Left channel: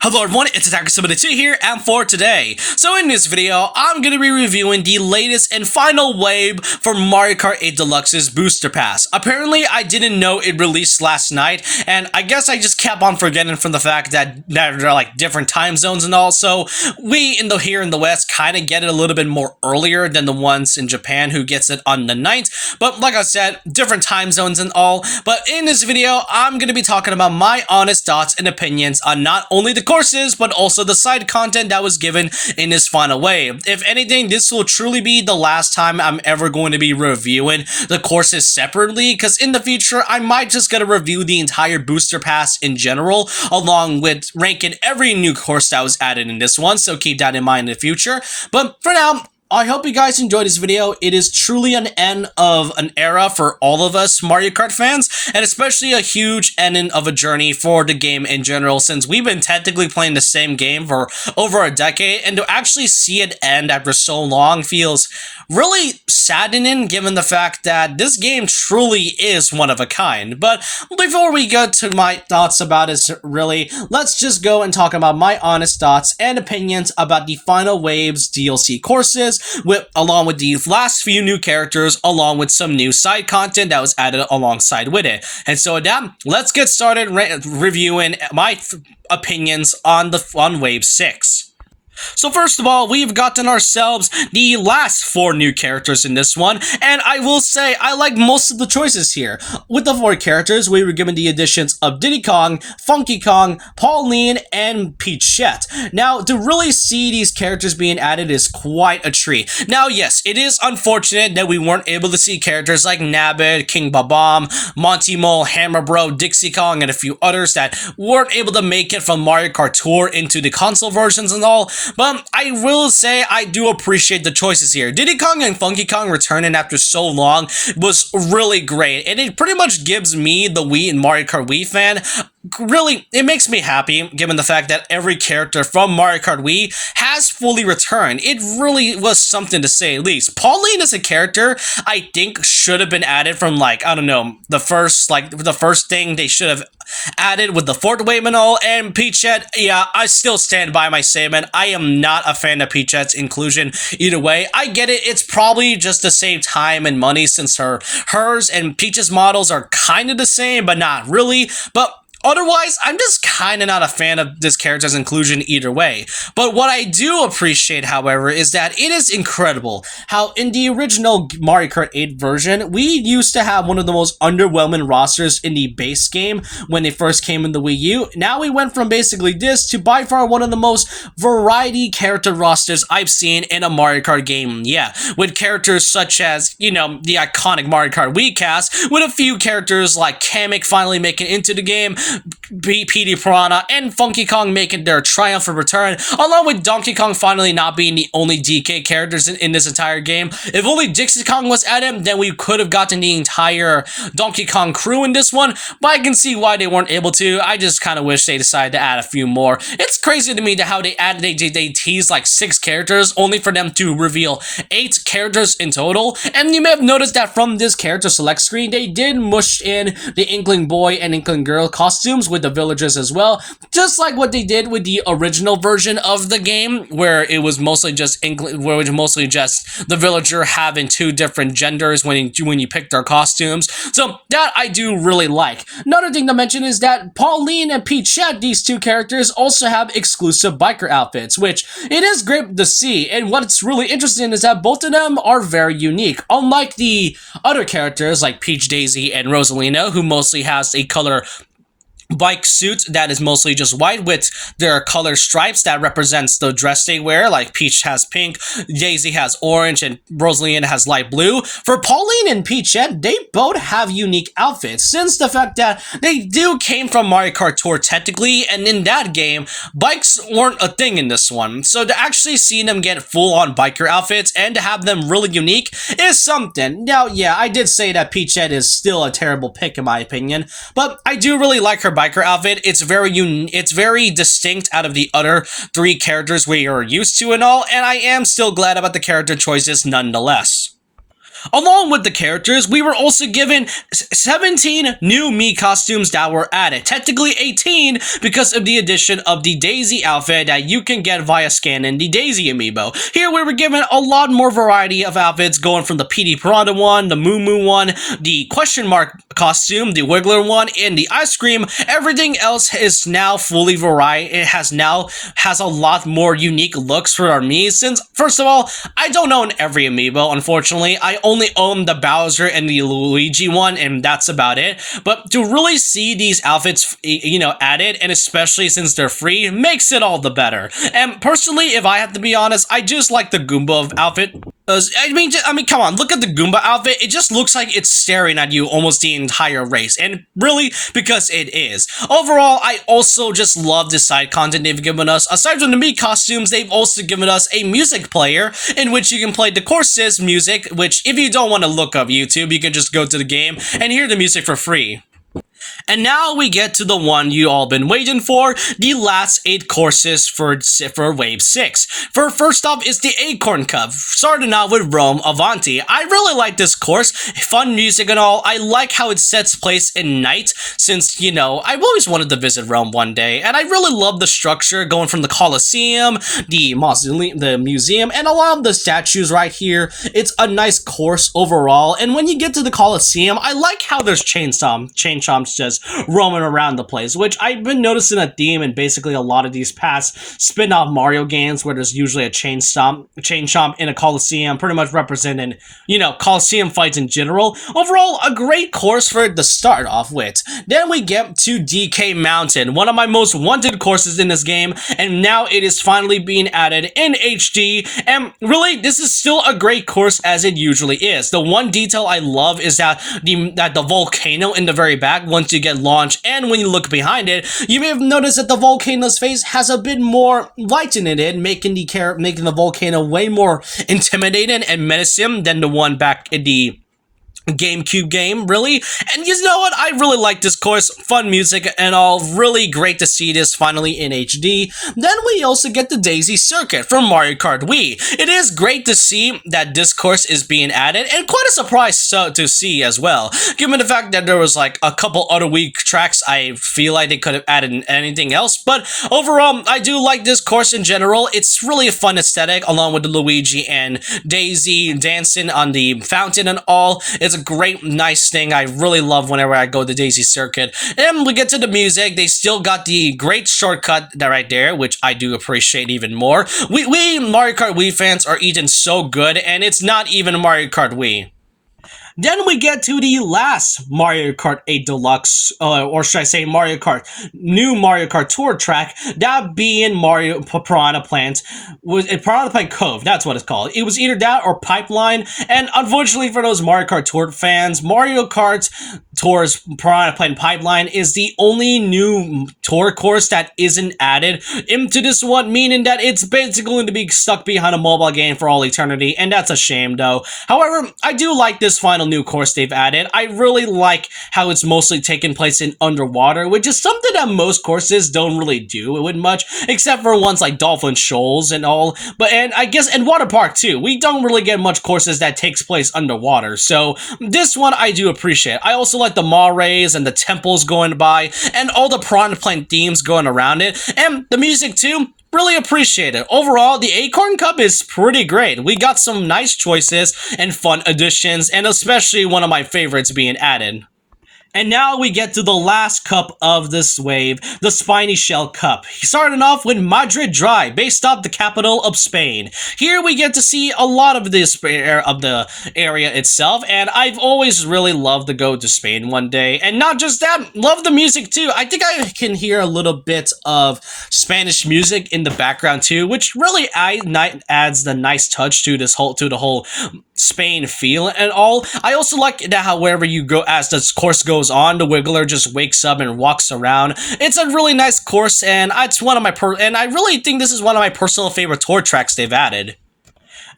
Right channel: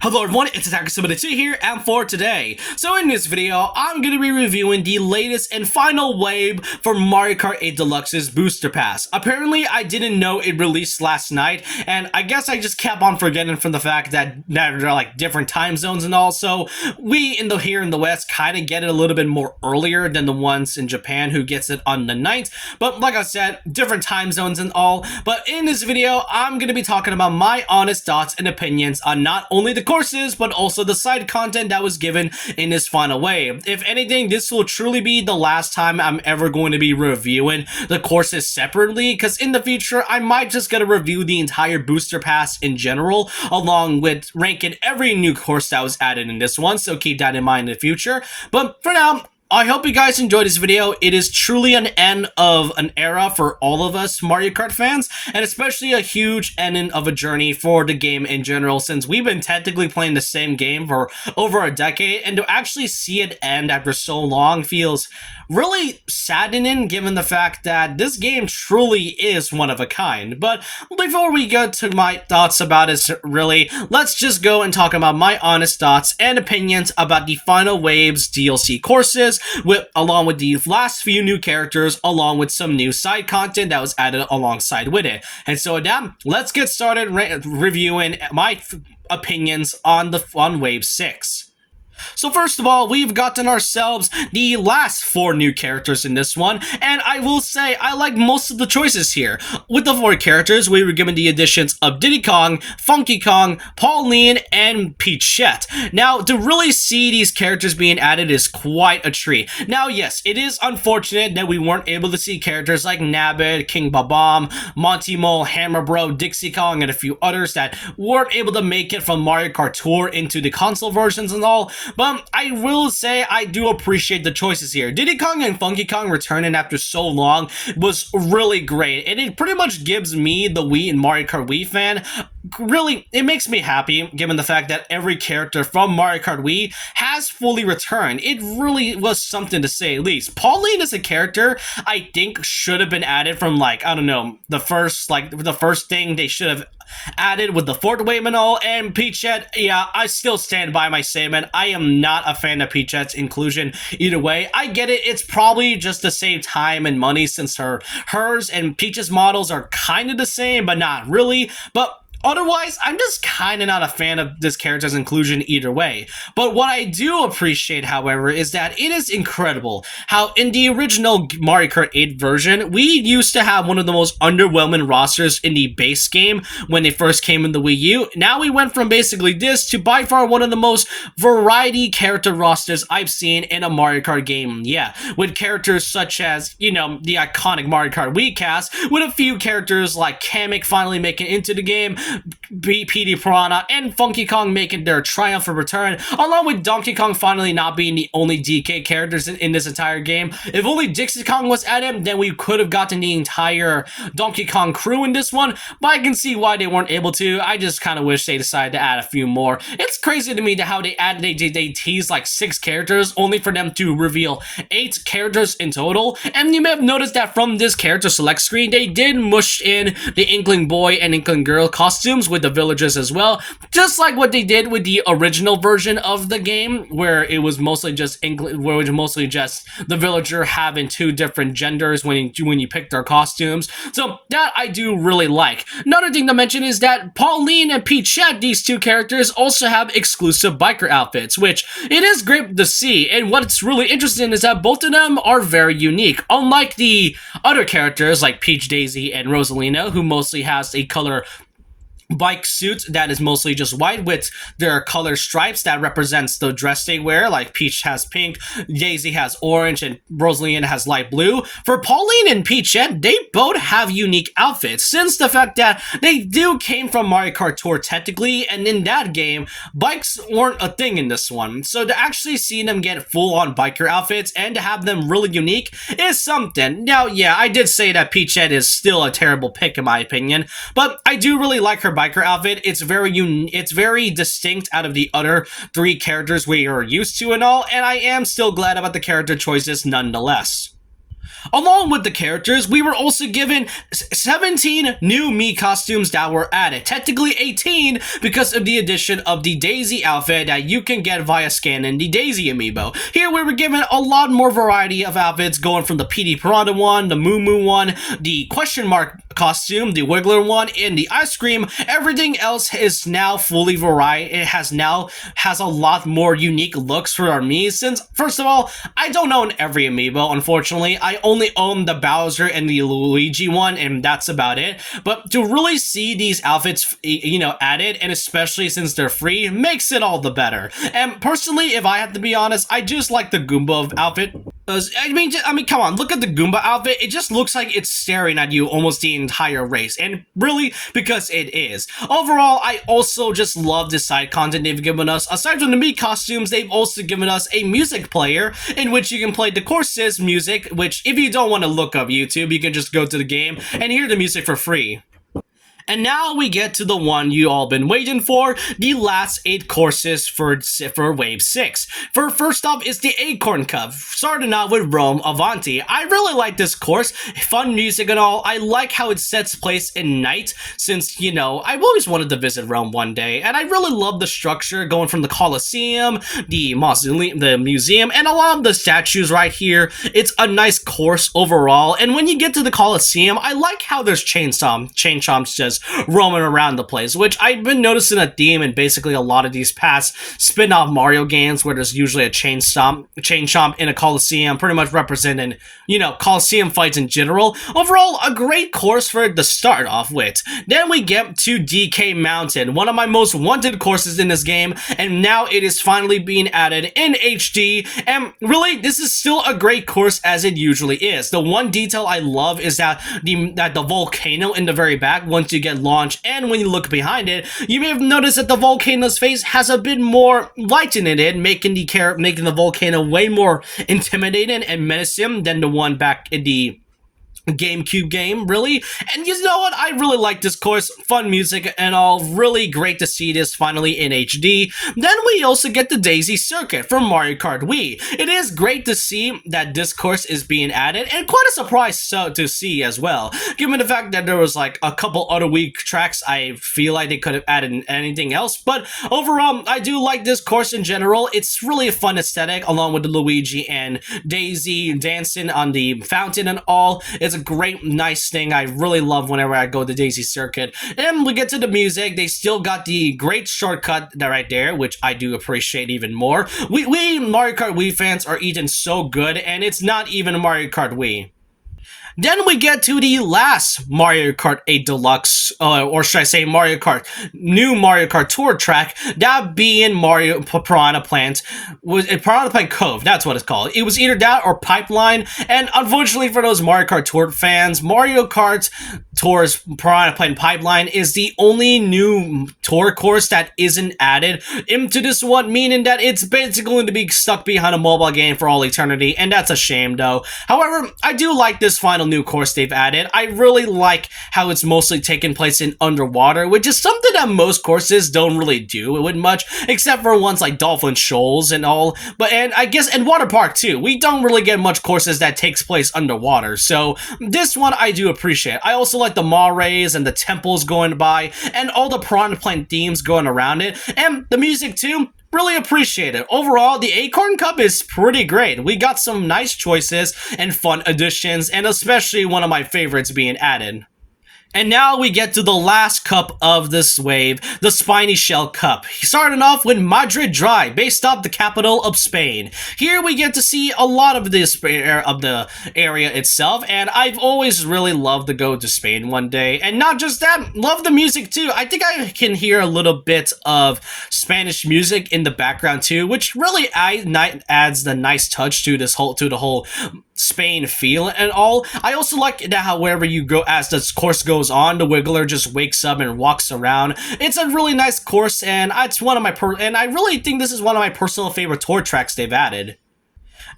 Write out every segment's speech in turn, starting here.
Hello everyone, it's Attacker72 here, and for today, so in this video, I'm going to be reviewing the latest and final wave for Mario Kart 8 Deluxe's Booster Pass. Apparently, I didn't know it released last night, and I guess I just kept on forgetting from the fact that there are like different time zones and all, so we here in the West kind of get it a little bit more earlier than the ones in Japan who gets it on the 9th, but like I said, different time zones and all. But in this video, I'm going to be talking about my honest thoughts and opinions on not only the courses, but also the side content that was given in this final wave. If anything, this will truly be the last time I'm ever going to be reviewing the courses separately, because in the future, I might just get to review the entire booster pass in general, along with ranking every new course that was added in this one, so keep that in mind in the future. But for now, I hope you guys enjoyed this video. It is truly an end of an era for all of us Mario Kart fans, and especially a huge ending of a journey for the game in general, since we've been technically playing the same game for over a decade, and to actually see it end after so long feels really saddening given the fact that this game truly is one of a kind. But before we get to my thoughts about it, really, let's just go and talk about my honest thoughts and opinions about the Final Waves DLC courses, along with the last few new characters, along with some new side content that was added alongside with it. And so with that, let's get started reviewing my opinions on Wave 6. So first of all, we've gotten ourselves the last 4 new characters in this one, and I will say I like most of the choices here. With the 4 characters, we were given the additions of Diddy Kong, Funky Kong, Pauline, and Peachette. Now, to really see these characters being added is quite a treat. Now, yes, it is unfortunate that we weren't able to see characters like Nabbit, King Babam, Monty Mole, Hammer Bro, Dixie Kong, and a few others that weren't able to make it from Mario Kart Tour into the console versions and all. But I will say I do appreciate the choices here. Diddy Kong and Funky Kong returning after so long was really great, and it pretty much gives me, the Wii and Mario Kart Wii fan, really, it makes me happy given the fact that every character from Mario Kart Wii has fully returned. It really was something to say at least. Pauline is a character I think should have been added from, like, I don't know, the first thing they should have added with the 4th wave and all. And Peachette, yeah, I still stand by my statement. I am not a fan of Peachette's inclusion either way. I get it, it's probably just to save time and money since hers and Peach's models are kind of the same, but not really. But otherwise, I'm just kind of not a fan of this character's inclusion either way. But what I do appreciate, however, is that it is incredible how in the original Mario Kart 8 version, we used to have one of the most underwhelming rosters in the base game when they first came in the Wii U. Now we went from basically this to by far one of the most variety character rosters I've seen in a Mario Kart game. Yeah, with characters such as, you know, the iconic Mario Kart Wii cast, with a few characters like Kamek finally making it into the game, PD Piranha and Funky Kong making their triumphant return, along with Donkey Kong finally not being the only DK characters in this entire game. If only Dixie Kong was added, then we could have gotten the entire Donkey Kong crew in this one, but I can see why they weren't able to. I just kind of wish they decided to add a few more. It's crazy to me that how they teased like 6 characters only for them to reveal 8 characters in total. And you may have noticed that from this character select screen, they did mush in the Inkling Boy and Inkling Girl costumes with the villagers as well, just like what they did with the original version of the game, where it was mostly just the villager having 2 different genders when you pick their costumes. So that I do really like. Another thing to mention is that Pauline and Peachette, these 2 characters, also have exclusive biker outfits, which it is great to see. And what's really interesting is that both of them are very unique. Unlike the other characters like Peach, Daisy, and Rosalina, who mostly has a color bike suit that is mostly just white with their color stripes that represents the dress they wear, like Peach has pink, Daisy has orange, and Rosalina has light blue. For Pauline and Peachette, they both have unique outfits, since the fact that they came from Mario Kart Tour technically, and in that game, bikes weren't a thing in this one. So to actually see them get full-on biker outfits and to have them really unique is something. Now, yeah, I did say that Peachette is still a terrible pick in my opinion, but I do really like her biker outfit. It's very distinct out of the other 3 characters we are used to and all, and I am still glad about the character choices nonetheless. Along with the characters, we were also given 17 new Mii costumes that were added. Technically 18 because of the addition of the Daisy outfit that you can get via scanning the Daisy amiibo. Here we were given a lot more variety of outfits, going from the PD Piranha one, the Moo Moo one, the question mark costume, the Wiggler one, and the ice cream. Everything else is now fully variety. It has a lot more unique looks for our Mii, since first of all, I don't own every amiibo, unfortunately. I only own the Bowser and the Luigi one, and that's about it. But to really see these outfits, added, and especially since they're free, makes it all the better. And personally, if I have to be honest, I just like the Goomba outfit. I mean, come on, look at the Goomba outfit. It just looks like it's staring at you almost the entire race, and really, because it is. Overall, I also just love the side content they've given us. Aside from the Mii costumes, they've also given us a music player in which you can play the courses music, which if you don't want to look up YouTube, you can just go to the game and hear the music for free. And now we get to the one you all been waiting for, the last 8 courses for Wave 6. First off is the Acorn Cup, starting out with Rome Avanti. I really like this course, fun music and all. I like how it sets place in night, since, I've always wanted to visit Rome one day, and I really love the structure, going from the Colosseum, the museum, and a lot of the statues right here. It's a nice course overall, and when you get to the Colosseum, I like how there's chain chomps just roaming around the place, which I've been noticing a theme in basically a lot of these past spin-off Mario games, where there's usually a chain chomp in a Colosseum, pretty much representing, Colosseum fights in general. Overall, a great course for it to start off with. Then we get to DK Mountain, one of my most wanted courses in this game, and now it is finally being added in HD, and really, this is still a great course as it usually is. The one detail I love is that the volcano in the very back, once you get launched, and when you look behind it, you may have noticed that the volcano's face has a bit more light in it, making the volcano way more intimidating and menacing than the one back in the GameCube game, really. And you know what? I really like this course. Fun music and all. Really great to see this finally in HD. Then we also get the Daisy Circuit from Mario Kart Wii. It is great to see that this course is being added, and quite a surprise to see as well, given the fact that there was like a couple other Wii tracks. I feel like they could have added anything else, but overall, I do like this course in general. It's really a fun aesthetic, along with the Luigi and Daisy dancing on the fountain and all. It's a great, nice thing I really love whenever I go to Daisy Circuit. And we get to the music. They still got the great shortcut right there, which I do appreciate even more. We Mario Kart Wii fans are eating so good, and it's not even Mario Kart Wii. Then we get to the last Mario Kart 8 Deluxe, or should I say new Mario Kart Tour track, that being Piranha Plant Cove, that's what it's called. It was either that or Pipeline, and unfortunately for those Mario Kart Tour fans, Mario Kart Tour's Piranha Plant Pipeline is the only new tour course that isn't added into this one, meaning that it's basically going to be stuck behind a mobile game for all eternity, and that's a shame though. However, I do like this final new course they've added. I really like how it's mostly taking place in underwater, which is something that most courses don't really do with much, except for ones like Dolphin Shoals and all. And I guess, and Water Park too, we don't really get much courses that takes place underwater, so this one I do appreciate. I also like the Mares and the temples going by, and all the Piranha Plant themes going around it, and the music too. Really appreciate it. Overall, the Acorn Cup is pretty great. We got some nice choices and fun additions, and especially one of my favorites being added. And now we get to the last cup of this wave, the Spiny Shell Cup. Starting off with Madrid Dry, based off the capital of Spain. Here we get to see a lot of the area itself, and I've always really loved to go to Spain one day. And not just that, love the music too. I think I can hear a little bit of Spanish music in the background too, which really adds the nice touch to the whole Spain feel and all. I also like that how wherever you go, as this course goes on, the Wiggler just wakes up and walks around. It's a really nice course, and it's one of my and I really think this is one of my personal favorite tour tracks they've added.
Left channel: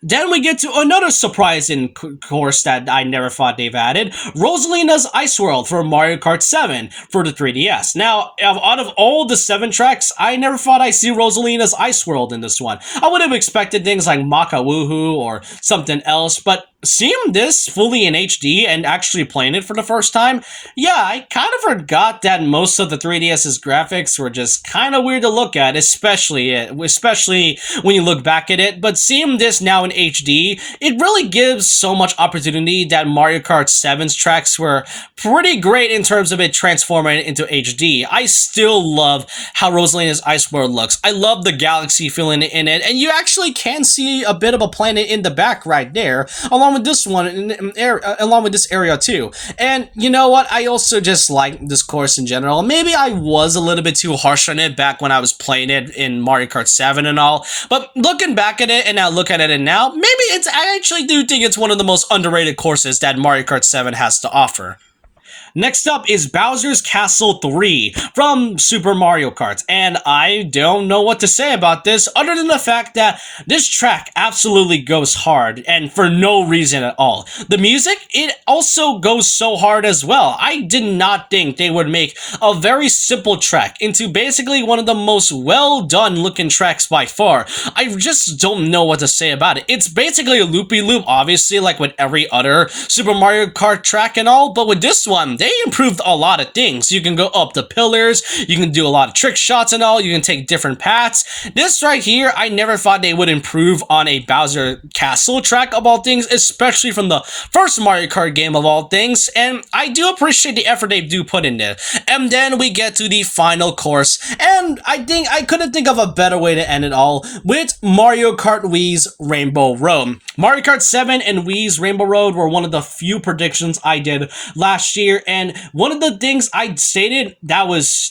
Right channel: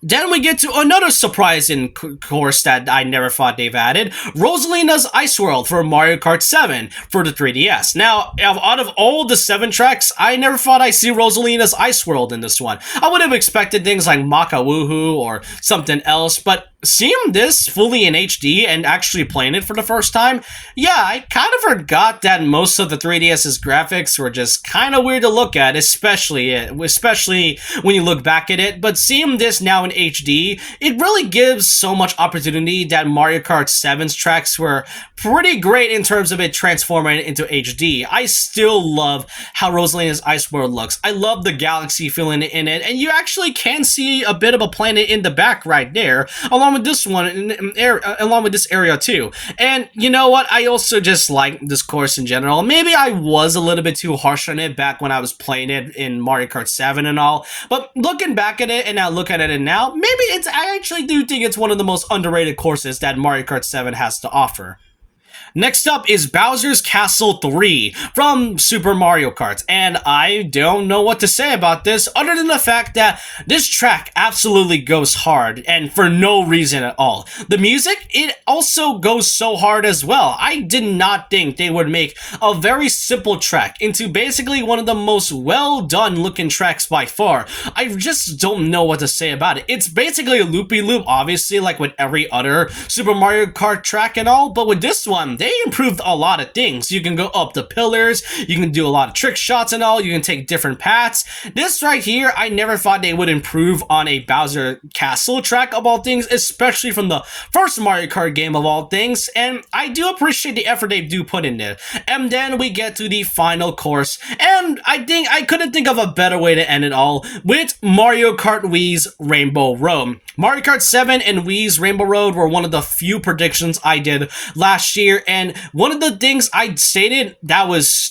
Then we get to another surprising course that I never thought they've added, Rosalina's Ice World for Mario Kart 7 for the 3DS. Now, out of all the 7 tracks, I never thought I'd see Rosalina's Ice World in this one. I would have expected things like Maka Woohoo or something else, but seeing this fully in HD and actually playing it for the first time, yeah, I kind of forgot that most of the 3DS's graphics were just kind of weird to look at, especially when you look back at it. But seeing this now in HD, it really gives so much opportunity that Mario Kart 7's tracks were pretty great in terms of it transforming it into HD. I still love how Rosalina's Ice World looks. I love the galaxy feeling in it, and you actually can see a bit of a planet in the back right there, along with this one, along with this area too. And you know what? I also just like this course in general. Maybe I was a little bit too harsh on it back when I was playing it in Mario Kart 7 and all, but looking back at it and now look at it now, maybe I actually do think it's one of the most underrated courses that Mario Kart 7 has to offer. Next up is Bowser's Castle 3 from Super Mario Kart, and I don't know what to say about this other than the fact that this track absolutely goes hard, and for no reason at all. The music, it also goes so hard as well. I did not think they would make a very simple track into basically one of the most well done looking tracks by far. I just don't know what to say about it. It's basically a loopy-loop, obviously, like with every other Super Mario Kart track and all, but with this one, they improved a lot of things. You can go up the pillars, you can do a lot of trick shots and all, you can take different paths. This right here, I never thought they would improve on a Bowser Castle track of all things, especially from the first Mario Kart game of all things, and I do appreciate the effort they do put in there. And then we get to the final course, and I think I couldn't think of a better way to end it all with Mario Kart Wii's Rainbow Road. Mario Kart 7 and Wii's Rainbow Road were one of the few predictions I did last year, and one of the things I stated that was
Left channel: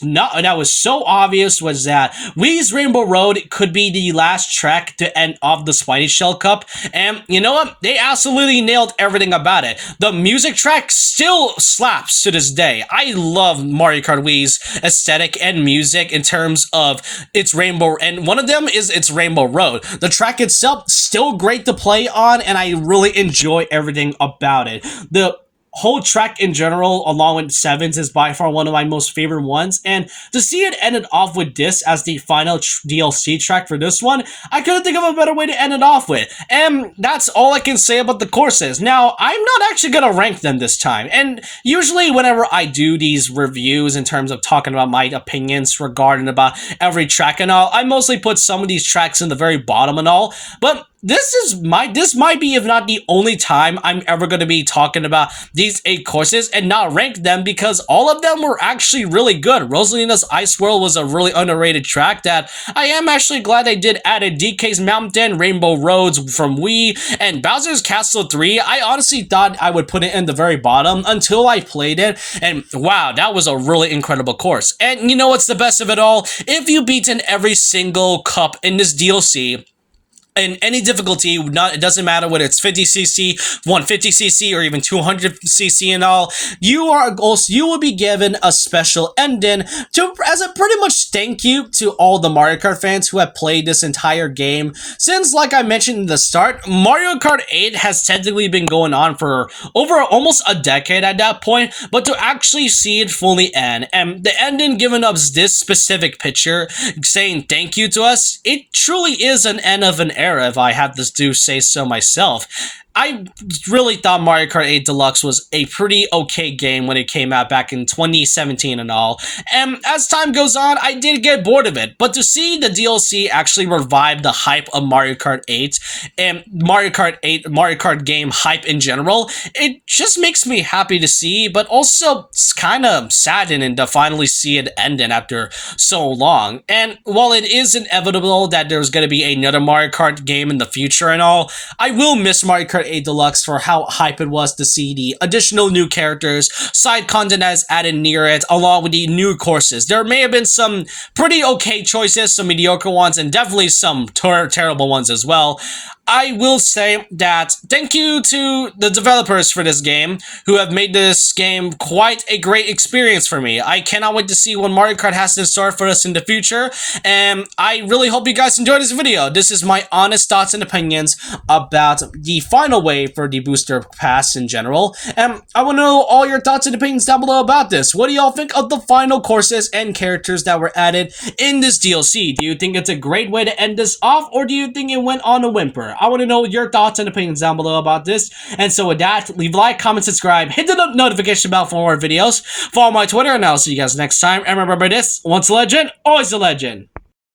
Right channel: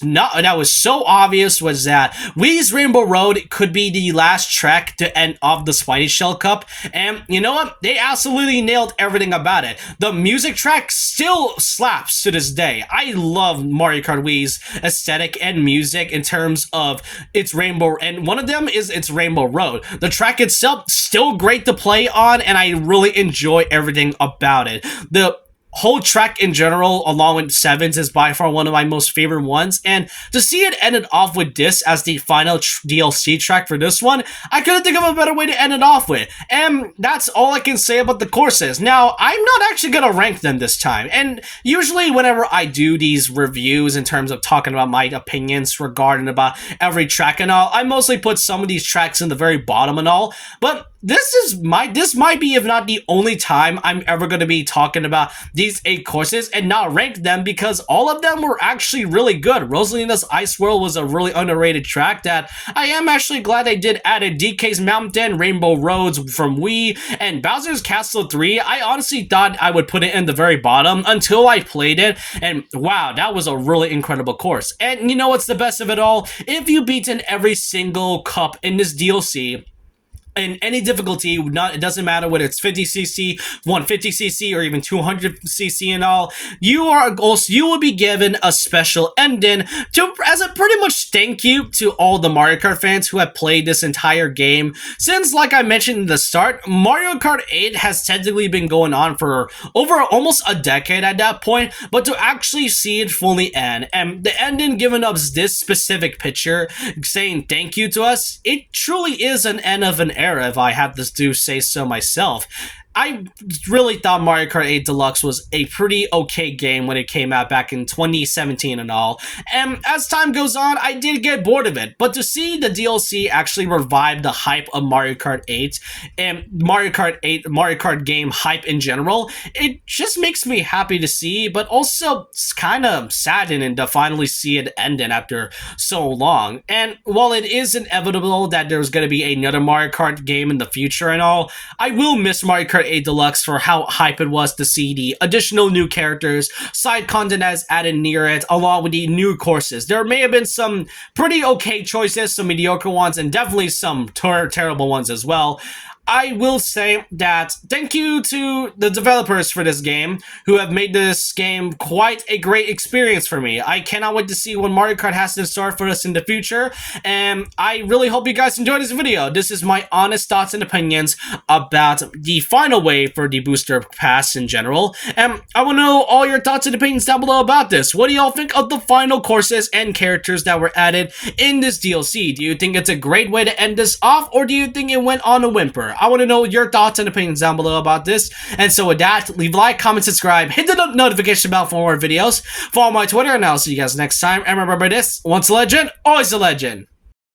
so obvious was that Wii's Rainbow Road could be the last track to end off the Spidey Shell Cup, and you know what? They absolutely nailed everything about it. The music track still slaps to this day. I love Mario Kart Wii's aesthetic and music in terms of its Rainbow, and one of them is its Rainbow Road. The track itself still great to play on, and I really enjoy everything about it. The whole track in general, along with Sevens, is by far one of my most favorite ones, and to see it ended off with this as the final DLC track for this one, I couldn't think of a better way to end it off with, and that's all I can say about the courses. Now, I'm not actually gonna rank them this time, and usually whenever I do these reviews in terms of talking about my opinions regarding about every track and all, I mostly put some of these tracks in the very bottom and all, but this might be, if not the only time I'm ever going to be talking about these 8 courses and not rank them, because all of them were actually really good. Rosalina's Ice World was a really underrated track that I am actually glad they did add it. DK's Mountain, Rainbow Roads from Wii, and Bowser's Castle 3, I honestly thought I would put it in the very bottom until I played it, and wow, that was a really incredible course. And you know what's the best of it all? If you beaten every single cup in this DLC, in any difficulty, it doesn't matter whether it's 50cc, 150cc, or even 200cc and all, you will be given a special ending as a pretty much thank you to all the Mario Kart fans who have played this entire game. Since, like I mentioned in the start, Mario Kart 8 has technically been going on for over almost a decade at that point, but to actually see it fully end, and the ending giving us this specific picture saying thank you to us, it truly is an end of an era, if I had to do say so myself. I really thought Mario Kart 8 Deluxe was a pretty okay game when it came out back in 2017 and all, and as time goes on, I did get bored of it, but to see the DLC actually revive the hype of Mario Kart 8 and Mario Kart game hype in general, it just makes me happy to see, but also it's kind of saddening to finally see it ending after so long. And while it is inevitable that there's going to be another Mario Kart game in the future and all, I will miss Mario Kart 8 Deluxe for how hype it was to see the additional new characters, side content as added near it, along with the new courses. There may have been some pretty okay choices, some mediocre ones, and definitely some terrible ones as well. I will say that thank you to the developers for this game who have made this game quite a great experience for me. I cannot wait to see what Mario Kart has in store for us in the future, and I really hope you guys enjoyed this video. This is my honest thoughts and opinions about the final wave for the booster pass in general, and I want to know all your thoughts and opinions down below about this. What do y'all think of the final courses and characters that were added in this DLC? Do you think it's a great way to end this off, or do you think it went on a whimper? I want to know your thoughts and opinions down below about this. And so with that, leave a like, comment, subscribe, hit the notification bell for more videos. Follow my Twitter, and I'll see you guys next time. And remember this, once a legend, always a legend.